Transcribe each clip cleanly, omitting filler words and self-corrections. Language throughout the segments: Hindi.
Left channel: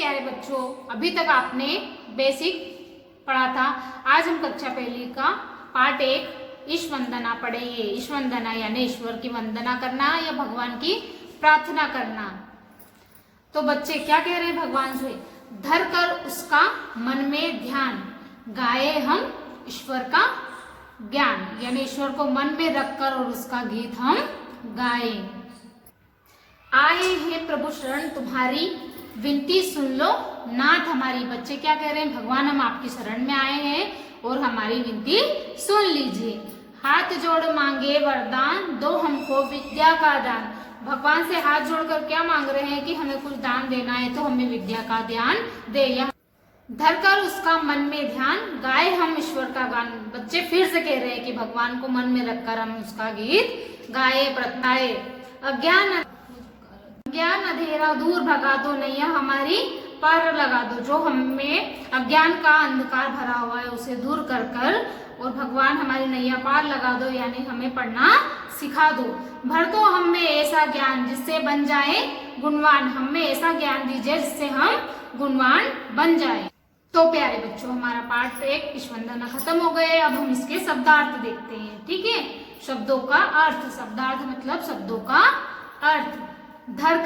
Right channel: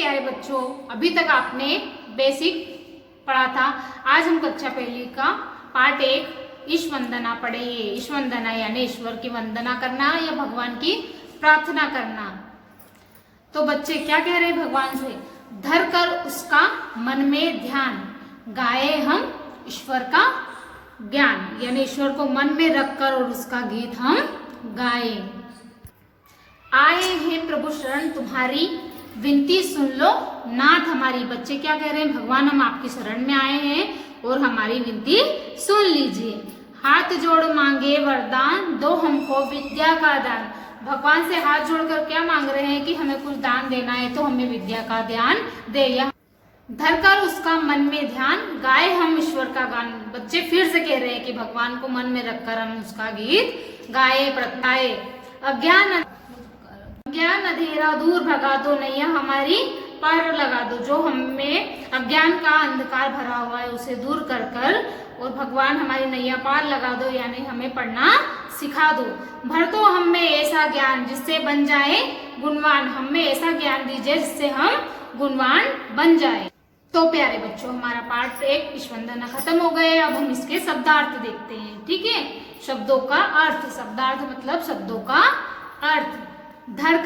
प्यारे बच्चों, अभी तक आपने बेसिक पढ़ा था। आज हम कक्षा पहली का पार्ट 1 ईश वंदना पढ़ेंगे। ईश वंदना यानी ईश्वर की वंदना करना या भगवान की प्रार्थना करना। तो बच्चे क्या कह रहे हैं भगवान से? धर कर उसका मन में ध्यान, गाए हम ईश्वर का ज्ञान, यानी ईश्वर को मन में रखकर और उसका गीत हम गाए। आए हैं प्रभु शरण तुम्हारी, विनती सुन लो नाथ हमारी। बच्चे क्या कह रहे हैं? भगवान हम आपकी शरण में आए हैं और हमारी विनती सुन लीजिए। हाथ जोड़ मांगे वरदान, दो हमको विद्या का दान। भगवान से हाथ जोड़कर क्या मांग रहे हैं कि हमें कुछ दान देना है तो हमें विद्या का दान दे। धरकर उसका मन में ध्यान, गाए हम ईश्वर का गान। बच्चे फिर से कह रहे हैं कि भगवान को मन में रखकर हम उसका गीत गाए प्रगटाए। अज्ञान अंधेरा दूर भगा दो, नैया हमारी पार लगा दो। जो हमें अज्ञान का अंधकार भरा हुआ है उसे दूर कर कर और भगवान हमारी नैया पार लगा दो, यानी हमें पढ़ना सिखा दो। भर दो हम में ऐसा ज्ञान जिससे बन जाए गुणवान। हमें ऐसा ज्ञान दीजिए जिससे हम गुणवान बन जाए। तो प्यारे बच्चों, हमारा पार्ट 1 ईश वंदना खत्म हो गए। अब हम इसके शब्दार्थ देखते हैं। ठीक है, शब्दों का अर्थ। शब्दार्थ मतलब शब्दों का अर्थ। धर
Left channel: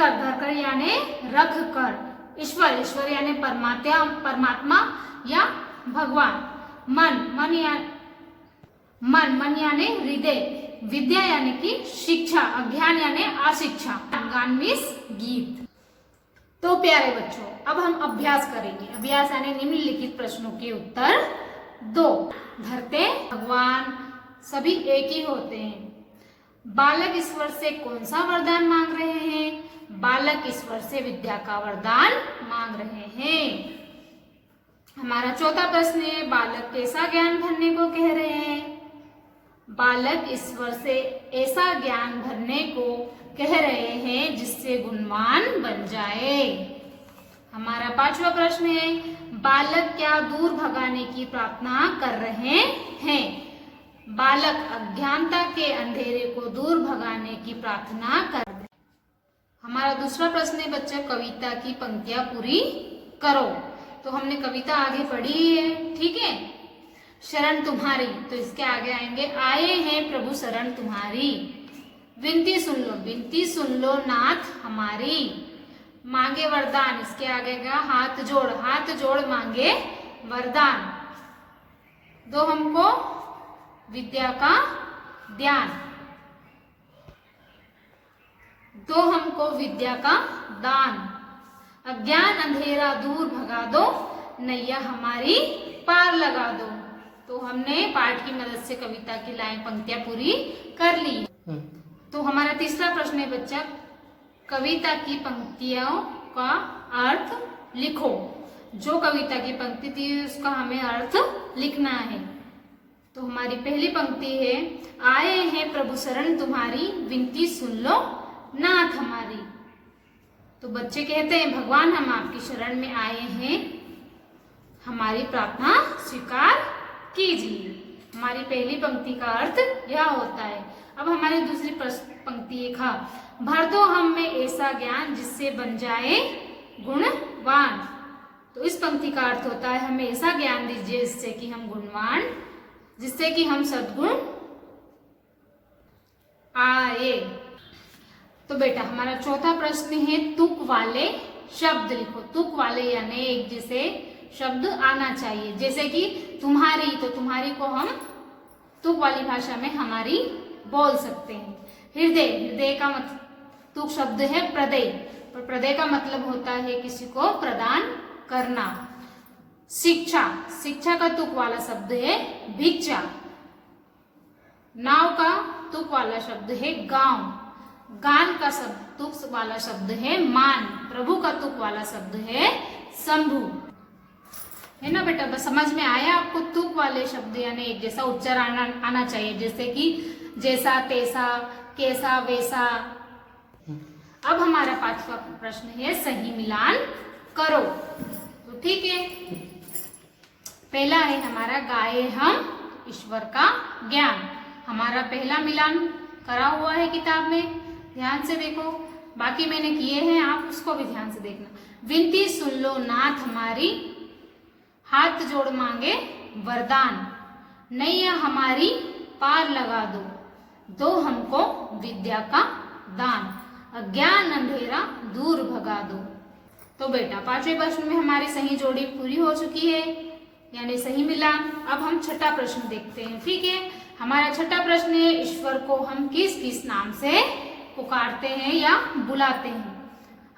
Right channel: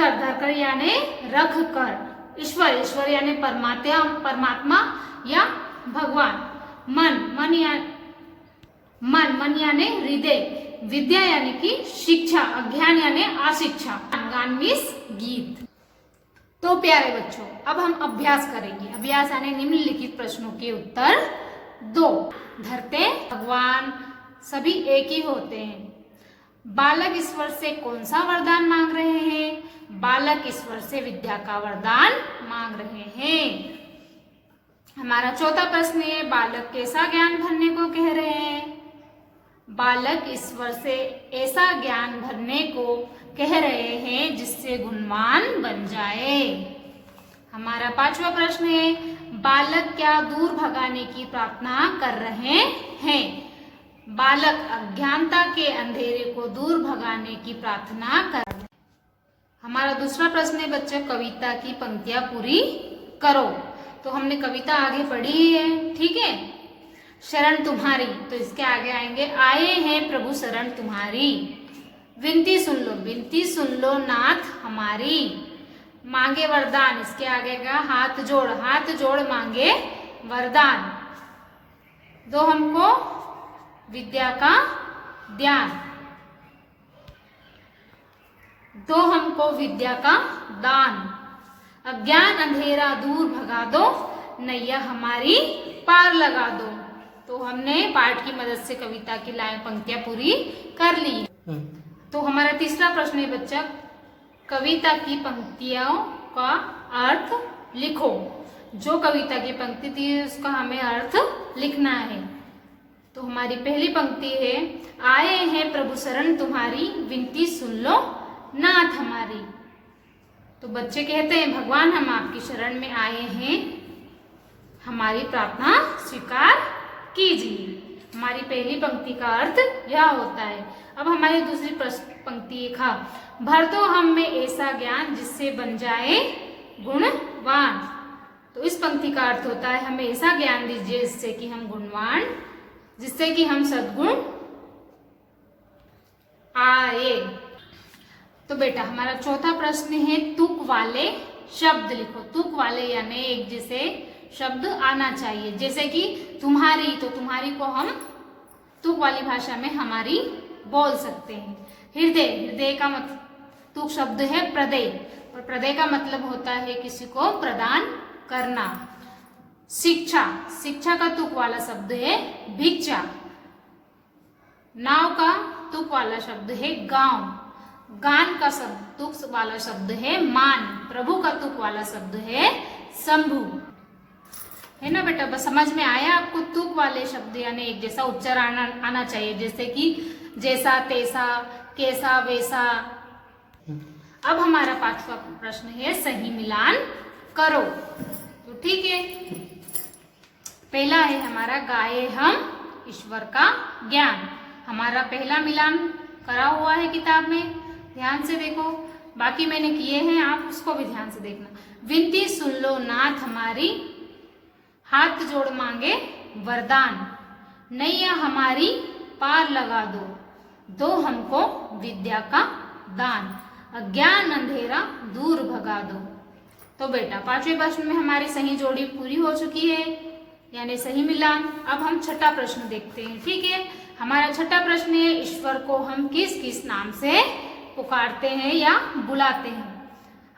कर यानी रख कर। ईश्वर यानी परमात्मा या भगवान। मन यानी हृदय। विद्या यानी कि शिक्षा। अज्ञान यानी अशिक्षा। गान मीन्स गीत। तो प्यारे बच्चों, अब हम अभ्यास करेंगे। अभ्यास यानी निम्नलिखित प्रश्नों के उत्तर दो। धरते भगवान सभी एक ही होते हैं। बालक ईश्वर से कौन सा वरदान मांग रहे हैं? बालक ईश्वर से विद्या का वरदान मांग रहे हैं। हमारा चौथा प्रश्न है, बालक कैसा ज्ञान भरने को कह रहे हैं? बालक ईश्वर से ऐसा ज्ञान भरने को कह रहे हैं जिससे गुणवान बन जाए। हमारा पांचवा प्रश्न है, बालक क्या दूर भगाने की प्रार्थना कर रहे हैं? बालक अज्ञानता के अंधेरे को दूर भगाने की प्रार्थना कर। हमारा दूसरा प्रश्न है बच्चों, कविता की पंक्तियां पूरी करो। तो हमने कविता आगे पढ़ी है, ठीक है। शरण तुम्हारी, तो इसके आगे आएंगे, आए हैं प्रभु शरण तुम्हारी। विनती सुन लो नाथ हमारी। मांगे वरदान, इसके आगे का हाथ जोड़ मांगे वरदान। दो हमको विद्या का ज्ञान, दो हमको विद्या का दान। अज्ञान अंधेरा दूर भगा दो, नैया हमारी पार लगा दो। तो हमने पाठ की मदद से कविता की लाइन पंक्तियां पूरी कर ली। तो हमारा तीसरा प्रश्न है बच्चा, कविता की पंक्तियों का अर्थ लिखो। जो कविता की पंक्ति थी उसका हमें अर्थ लिखना है। तो हमारी पहली पंक्ति है, आए हैं प्रभु शरण तुम्हारी, विनती सुन लो नाथ हमारी। तो बच्चे कहते हैं, भगवान हम आपकी शरण में आए हैं, हमारी प्रार्थना स्वीकार कीजिए। हमारी पहली पंक्ति का अर्थ यह होता है। अब हमारी दूसरी पंक्ति है, भर दो हम में ऐसा ज्ञान जिससे बन जाए गुणवान। तो इस पंक्ति का अर्थ होता है, हमें ऐसा ज्ञान दीजिए जिससे कि हम गुणवान, जिससे कि हम सद्गुण आए। तो बेटा हमारा चौथा प्रश्न है, तुक वाले शब्द लिखो। तुक वाले यानी एक जैसे शब्द आना चाहिए। जैसे कि तुम्हारी, तो तुम्हारी को हम तुक वाली भाषा में हमारी बोल सकते हैं। हृदय का मतलब तुक शब्द है प्रदय, और प्रदय का मतलब होता है किसी को प्रदान करना। शिक्षा का तुक वाला शब्द है भिक्षा। नाव का तुक वाला शब्द है गांव। गान का तुक वाला शब्द है मान। प्रभु का तुक वाला शब्द है शंभु। है ना बेटा, बस समझ में आया आपको? तुक वाले शब्द यानी एक जैसा उच्चारण आना चाहिए, जैसे कि जैसा तैसा, कैसा वैसा। अब हमारा पांचवा प्रश्न है, सही मिलान करो। तो ठीक है, पहला है हमारा, गाए हम ईश्वर का ज्ञान। हमारा पहला मिलान करा हुआ है किताब में, ध्यान से देखो। बाकी मैंने किए हैं, आप उसको भी ध्यान से देखना। विनती सुन लो नाथ हमारी, हाथ जोड़ मांगे वरदान, नैया हमारी पार लगा दो, दो हमको विद्या का दान, अज्ञान अंधेरा दूर भगा दो। तो बेटा पांचवें प्रश्न में हमारी सही जोड़ी पूरी हो चुकी है, यानी सही मिलान। अब हम छठा प्रश्न देखते हैं। ठीक है, हमारा छठा प्रश्न है, ईश्वर को हम किस किस नाम से पुकारते हैं या बुलाते हैं?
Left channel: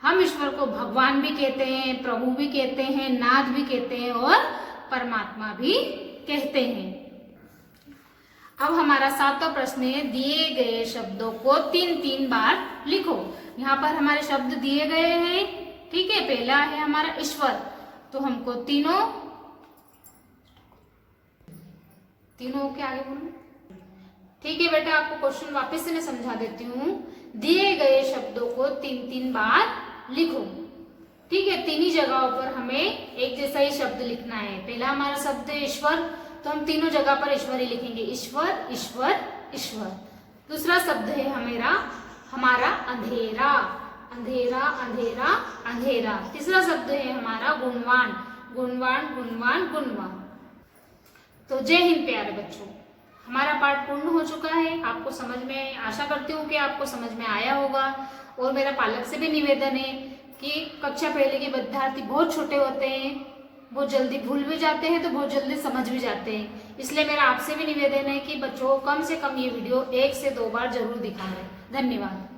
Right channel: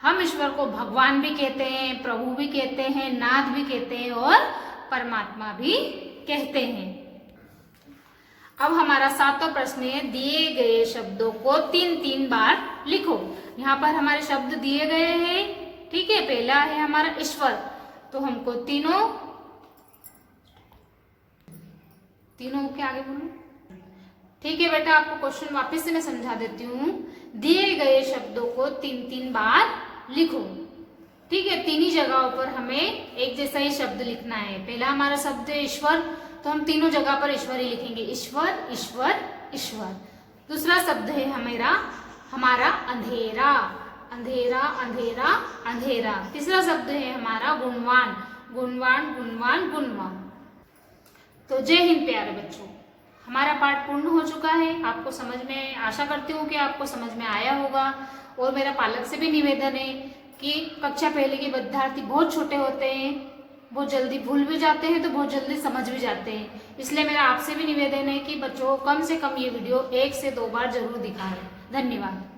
हम ईश्वर को भगवान भी कहते हैं, प्रभु भी कहते हैं, नाथ भी कहते हैं और परमात्मा भी कहते हैं। अब हमारा सातवां प्रश्न है, दिए गए शब्दों को 3-3 बार लिखो। यहाँ पर हमारे शब्द दिए गए हैं। ठीक है, पहला है हमारा ईश्वर, तो हमको तीनों के आगे बोलो। ठीक है बेटा, आपको क्वेश्चन वापस से मैं समझा देती हूँ। दिए गए शब्दों को 3-3 बार लिखो। ठीक है, तीन ही जगहों पर हमें एक जैसा ही शब्द लिखना है। पहला हमारा शब्द है ईश्वर, तो हम तीनों जगह पर ईश्वर ही लिखेंगे, ईश्वर ईश्वर ईश्वर। दूसरा शब्द है हमारा अंधेरा, अंधेरा अंधेरा अंधेरा। तीसरा शब्द है हमारा गुणवान, गुणवान गुणवान गुणवान। तो जय हिंद प्यारे बच्चों, हमारा पाठ पूर्ण हो चुका है। आपको समझ में, आशा करती हूँ कि आपको समझ में आया होगा। और मेरा पालक से भी निवेदन है कि कक्षा पहले के विद्यार्थी बहुत छोटे होते हैं, बहुत जल्दी भूल भी जाते हैं, तो बहुत जल्दी समझ भी जाते हैं। इसलिए मेरा आपसे भी निवेदन है कि बच्चों को कम से कम ये वीडियो 1 से 2 बार जरूर दिखाएं। धन्यवाद।